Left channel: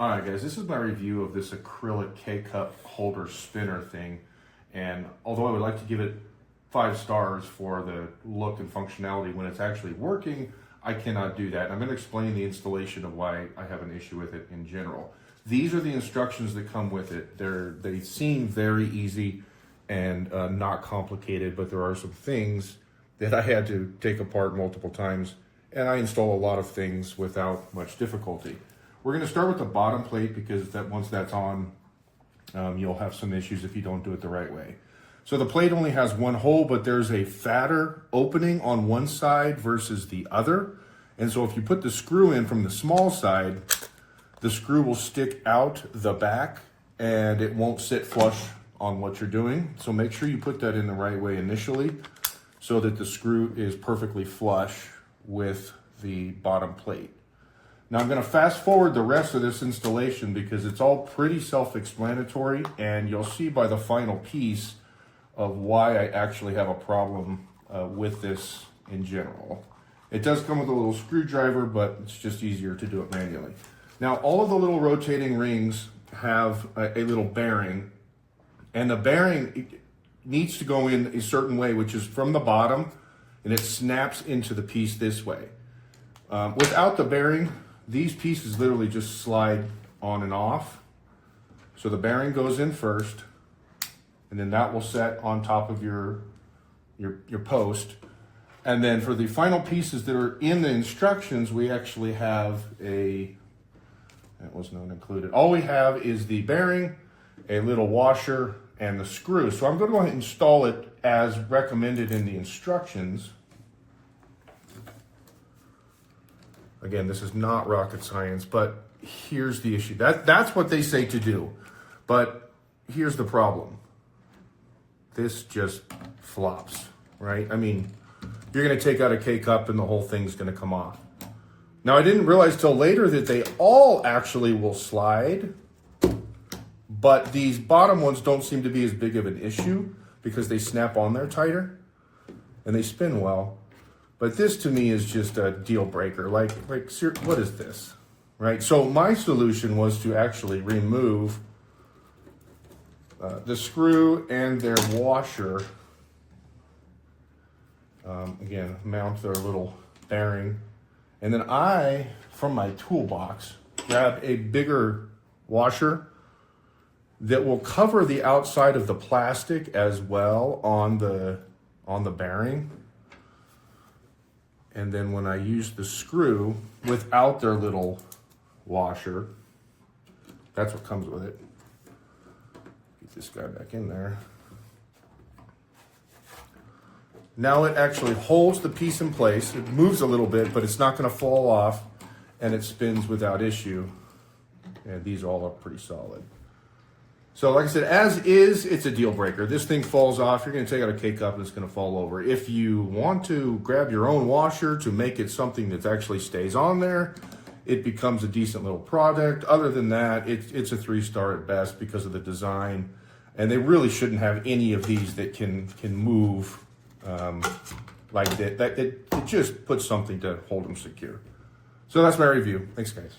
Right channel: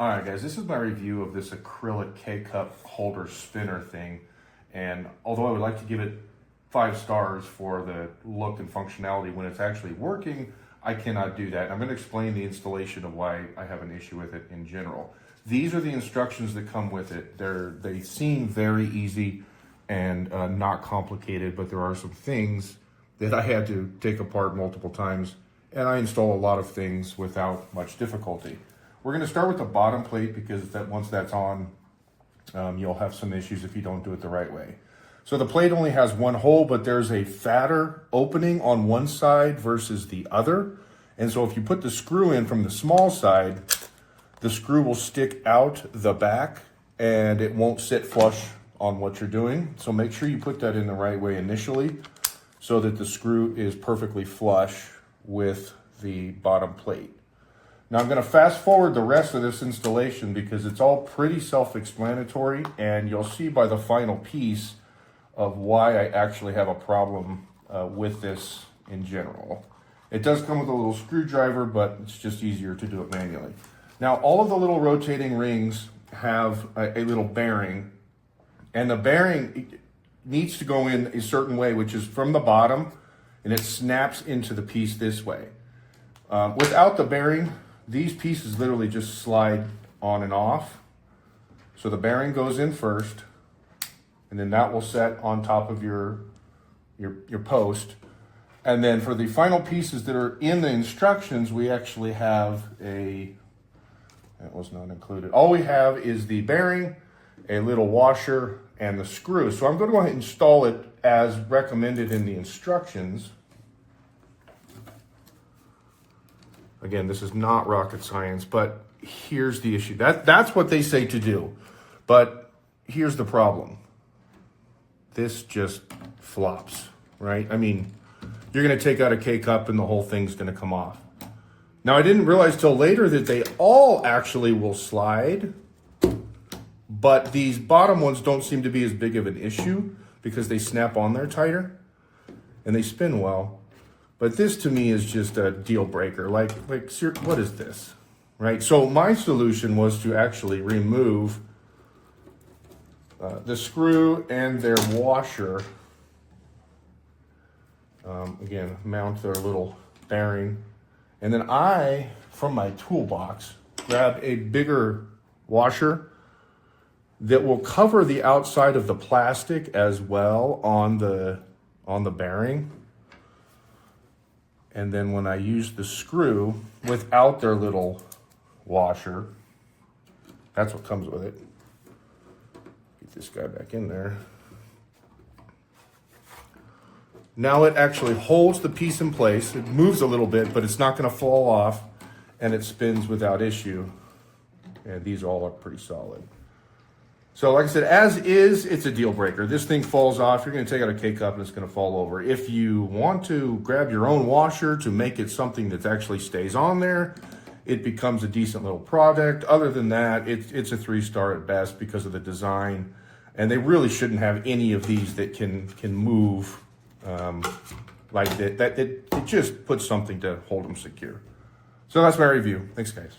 All right, guys, this is my review of this acrylic K-cup holder spinner thing. And although I would like to give it 5 stars for the look and functionality when it's actually working, I cannot do that. I'm going to explain the installation of why I have an issue with it in general. These are the instructions that come with it. They seem very easy and not complicated, but there are some things that I had to take apart multiple times, and I install a lot of things without much difficulty. We're going to start with the bottom plate because once that's on, you'll have some issues if you don't do it the right way. So the plate only has one hole, but there's a fatter opening on one side versus the other. And so if you put the screw in from the small side, the screw will stick out the back and it won't sit flush on what you're doing. So make sure you put that in the right way initially so that the screw is perfectly flush with the bottom plate. Now I'm going to fast forward the rest of this installation because it's all pretty self-explanatory, and you'll see by the final piece of why I actually have a problem with this in general. It does come with a little screwdriver, but it's just easier to do it manually. Now all of the little rotating rings have a little bearing, and the bearing needs to go in a certain way, which is from the bottom, and it snaps into the piece this way. Without the bearing, these pieces literally just slide on and off. So the bearing goes in first, and then that will set on top of your post. And then for the final pieces that are in the instructions, we actually have that was not included. All we have is the bearing, a little washer, and the screw. So I'm going to go ahead and install it as recommended in the instructions. Again, this is not rocket science, but here's the issue. That's what they say to do. But here's the problem. This just flops, right? I mean, you're going to take out a K-cup and the whole thing's going to come off. Now, I didn't realize till later that they all actually will slide, but these bottom ones don't seem to be as big of an issue because they snap on there tighter and they spin well. But this to me is just a deal breaker. Like what is this, right? So my solution was to actually remove the screw and their washer. Again, mount their little bearing. And then I, from my toolbox, grabbed a bigger washer that will cover the outside of the plastic as well on the bearing. And then when I use the screw without their little washer, that's what comes with it. Get this guy back in there. Now it actually holds the piece in place. It moves a little bit, but it's not going to fall off, and it spins without issue. And these all are pretty solid. So like I said, as is, it's a deal breaker. This thing falls off, you're going to take out a K-cup and it's going to fall over. If you want to grab your own washer to make it something that actually stays on there, it becomes a decent little product. Other than that, it's a 3-star at best because of the design. And they really shouldn't have any of these that can move like that. It just puts something to hold them secure. So that's my review. Thanks, guys.